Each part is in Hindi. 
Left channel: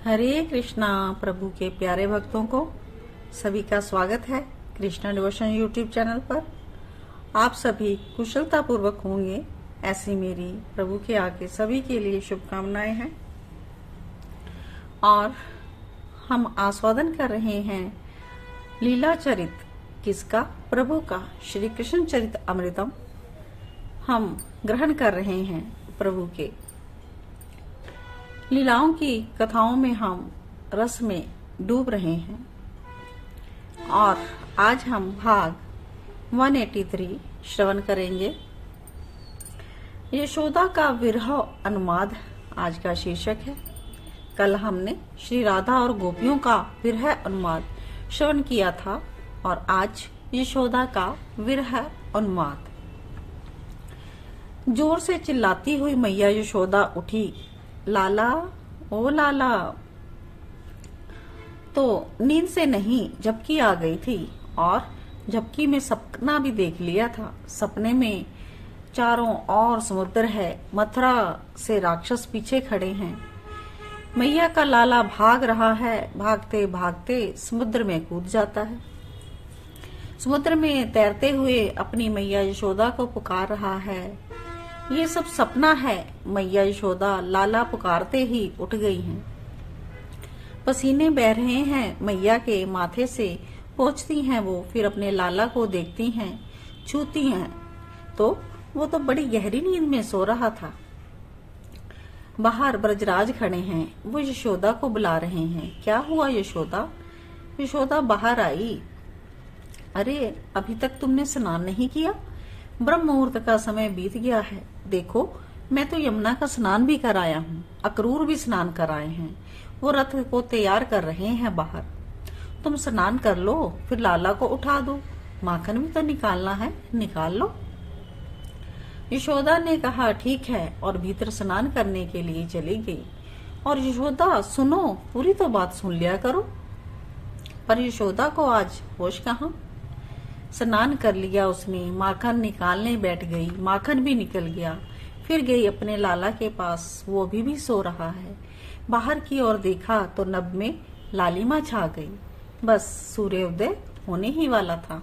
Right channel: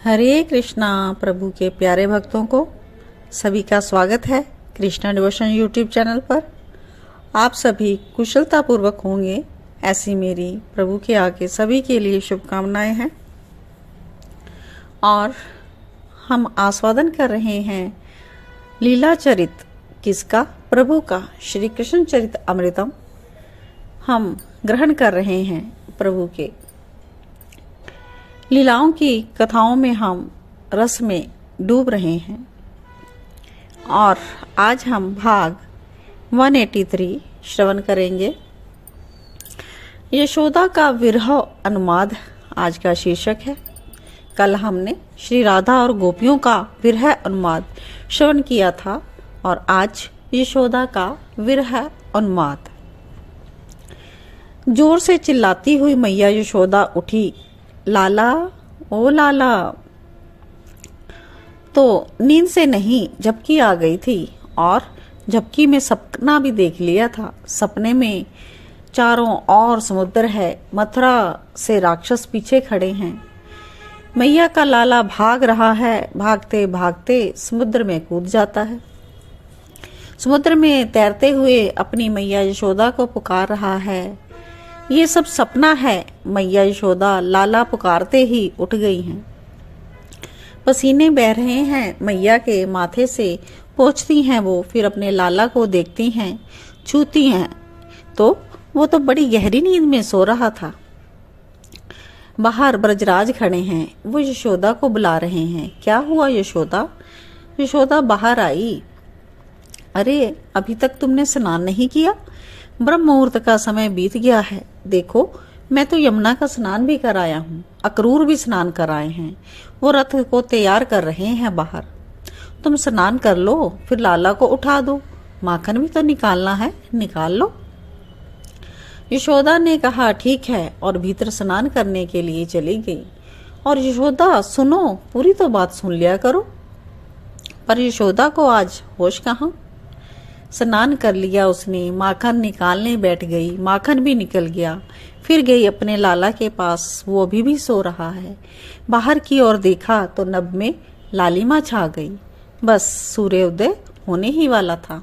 हरे कृष्णा। प्रभु के प्यारे भक्तों को सभी का स्वागत है कृष्णा डिवोशन यूट्यूब चैनल पर। आप सभी कुशलता पूर्वक होंगे ऐसी मेरी प्रभु के आगे सभी के लिए शुभकामनाएं हैं। और हम आस्वादन कर रहे हैं लीला चरित किसका? प्रभु का। श्री कृष्ण चरित अमृतम हम ग्रहण कर रहे हैं। प्रभु के लीलाओं की कथाओं में हम रस में डूब रहे हैं और आज हम भाग 183 श्रवण करेंगे। यशोदा का विरह अनुवाद आज का शीर्षक है। कल हमने श्री राधा और गोपियों का विरह अनुवाद श्रवण किया था और आज यशोदा का विरह अनुवाद। जोर से चिल्लाती हुई मैया यशोदा उठी, लाला ओ लाला। तो नींद से नहीं झपकी आ गई थी और झपकी में सपना भी देख लिया था। सपने में चारों ओर समुद्र है, मथुरा से राक्षस पीछे खड़े हैं। मैया का लाला भाग रहा है, भागते भागते समुद्र में कूद जाता है। समुद्र में तैरते हुए अपनी मैया यशोदा को पुकार रहा है। ये सब सपना है। मैया यशोदा लाला पुकारते ही उठ गई हैं। पसीने बह रहे हैं मैया के माथे से। पोंछती हैं वो, फिर अपने लाला को देखती हैं, छूती हैं तो वो तो बड़ी गहरी नींद में सो रहा था। बाहर ब्रजराज खड़े हैं, वो यशोदा को बुला रहे हैं। क्या हुआ यशोदा? यशोदा बाहर आई। अरे अभी तक तुमने स्नान नहीं किया? ब्रह्म मुहूर्त का समय बीत गया है। देखो मैं तो यमुना का स्नान भी कराया हूँ, अक्रूर भी स्नान कराए हैं। वो रथ को तैयार कर रहे हैं बाहर। तुम स्नान कर लो, फिर लाला को उठा दो। माखन भी तो निकालना है, निकाल लो। यशोदा ने कहा ठीक है और भीतर स्नान करने के लिए चली गई। और यशोदा सुनो, पूरी तो बात सुन लिया करो। पर यशोदा को आज होश कहाँ। स्नान कर लिया उसने, माखन निकालने बैठ गई, माखन भी निकल गया। फिर गई अपने लाला के पास, वो अभी भी सो रहा है। बाहर की ओर देखा तो नभ में लालिमा छा गई। बस सूर्योदय होने ही वाला था।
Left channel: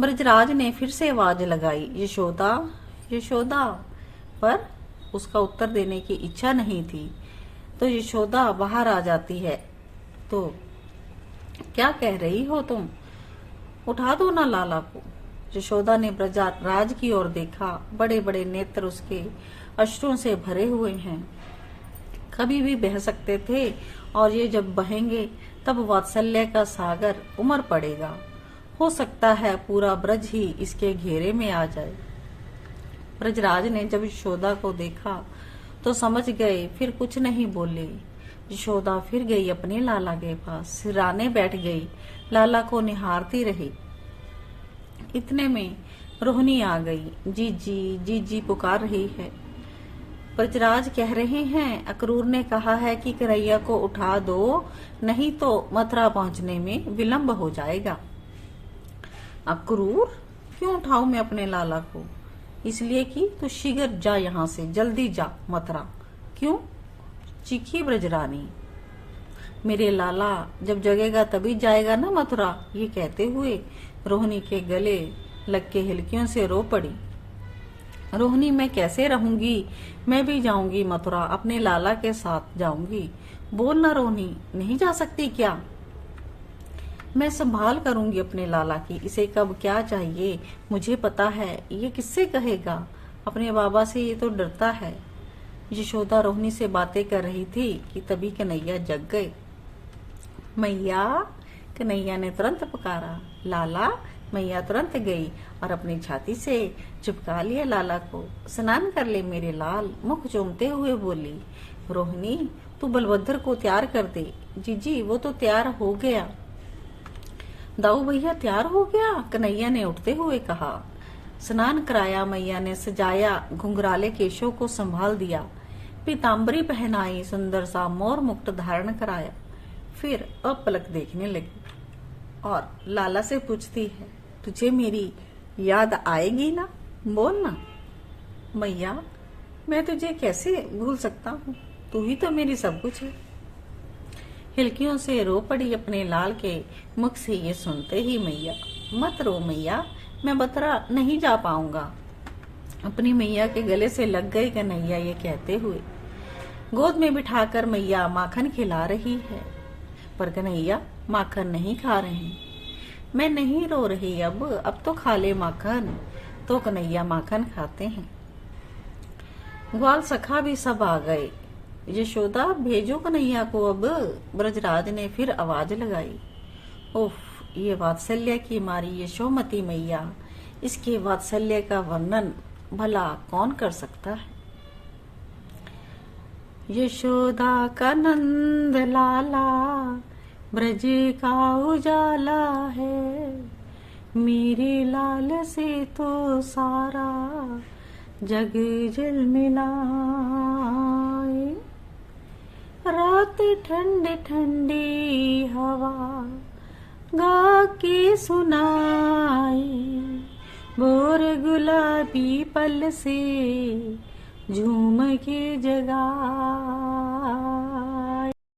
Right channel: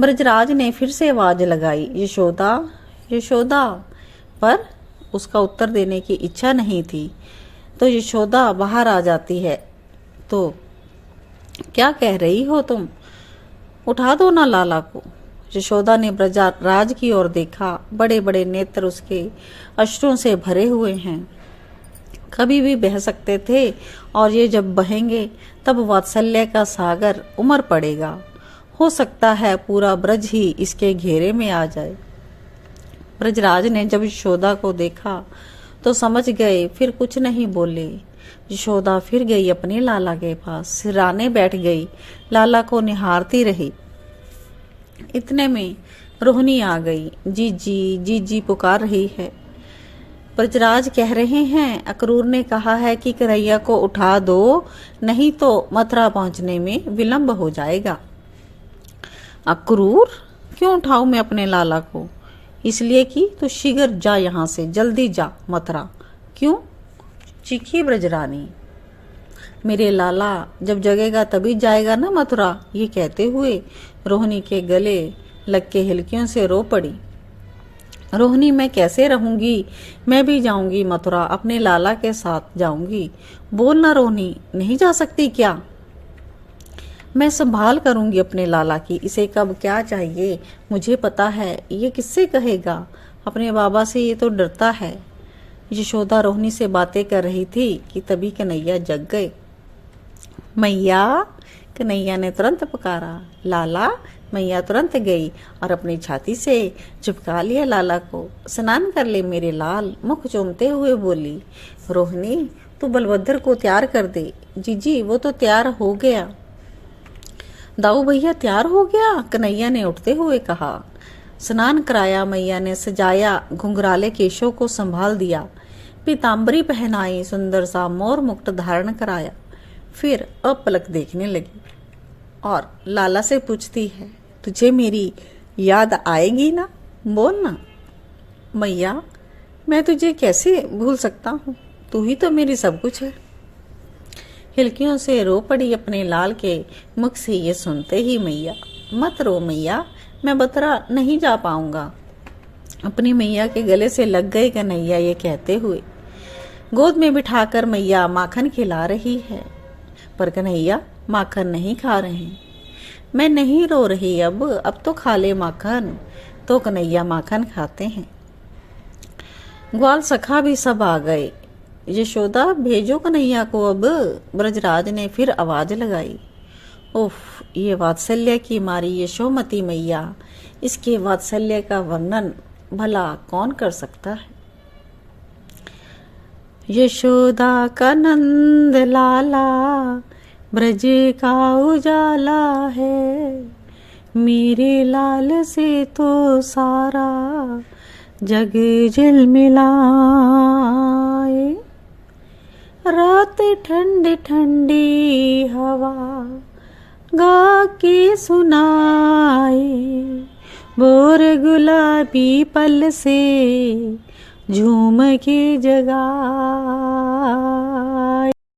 ब्रजराज ने फिर से आवाज लगाई, यशोदा यशोदा, पर उसका उत्तर देने की इच्छा नहीं थी। तो यशोदा बाहर आ जाती है। तो क्या कह रही हो तुम? उठा दो ना लाला को। यशोदा ने ब्रजराज की ओर देखा। बड़े बड़े नेत्र उसके अश्रुओं से भरे हुए हैं, कभी भी बह सकते थे और ये जब बहेंगे तब वात्सल्य का सागर उमड़ पड़ेगा। हो सकता है पूरा ब्रज ही इसके घेरे में आ जाए। ब्रजराज ने जब यशोदा को देखा तो समझ गए, फिर कुछ नहीं बोले। यशोदा फिर गई अपने लाला के पास, सिराने बैठ गई, लाला को निहारती रही। इतने में रोहिणी आ गई। जीजी जीजी पुकार रही है। ब्रजराज कह रहे हैं अक्रूर ने कहा है कि कन्हैया को उठा दो, नहीं तो मथुरा पहुंचने में विलंब हो जाएगा। अक्रूर? क्यों उठाऊं मैं अपने लाला को? इसलिए कि तू शीघ्र जा, यहाँ से जल्दी जा मथुरा। क्यों? चीखी ब्रजरानी। मेरे लाला जब जगेगा तभी जाएगा ना मथुरा। ये कहते हुए रोहिणी के गले लग के हिलकियों से रो पड़ी। रोहिणी मैं कैसे रहूंगी? मैं भी जाऊंगी मथुरा, अपने लाला के साथ जाऊंगी। बोल ना रोहिणी, नहीं जा सकती क्या? मैं संभाल करूंगी अपने लाला की। इसे कब क्या चाहिए मुझे पता है। ये किससे कहेगा? अपने बाबा से ये तो डरता है। यशोदा रोहिणी से बातें कर रही थी कि तभी कन्हैया जग गए। मैया! कन्हैया ने तुरंत पुकारा। लाला! मैया तुरंत गई और अपनी छाती से चिपका लिया लाला को। स्नान कर ले मेरे लाल, मुख चूमते हुए बोली। रोहिणी तू बलभद्र को तैयार कर दे। जीजी वो तो तैयार हो गया। दाऊ भैया तैयार हो गया? कन्हैया ने उठते हुए कहा। स्नान कराया, मैया ने सजाया, घुंघराले केशों को संभाल दिया, पीताम्बरी पहनाई, सुंदर सा मोर मुकुट धारण कराया। फिर अपलक देखने लगी और लाला से पूछती है, तुझे मेरी याद आएगी ना? बोल ना। मैया मैं तुझे कैसे भूल सकता हूँ, तू ही तो मेरी सब कुछ है। हिलकियों से रो पड़ी अपने लाल के मुख से ये सुनते ही मैया। मत रो मैया, मैं बतरा नहीं जा पाऊंगा। अपनी मैया के गले से लग गए कन्हैया ये कहते हुए। गोद में बिठाकर मैया माखन खिला रही है, पर कन्हैया माखन नहीं खा रहे। मैं नहीं रो रही, अब तो खा ले माखन। तो कन्हैया माखन खाते हैं। ग्वाल सखा भी सब आ गए। यशोदा भेजो कन्हैया को अब, ब्रजराज ने फिर आवाज लगाई। उफ, ये वात्सल्य की मारी यशोमती मैया, इसके वात्सल्य का वर्णन भला कौन कर सकता है। यशोदा का नंद लाला ब्रज का उजाला है, मेरे लाल से तो सारा जग जलमिलाए। रात ठंडी ठंडी हवा गा के सुनाए, बोर गुलाबी पल से झूम के जगाए।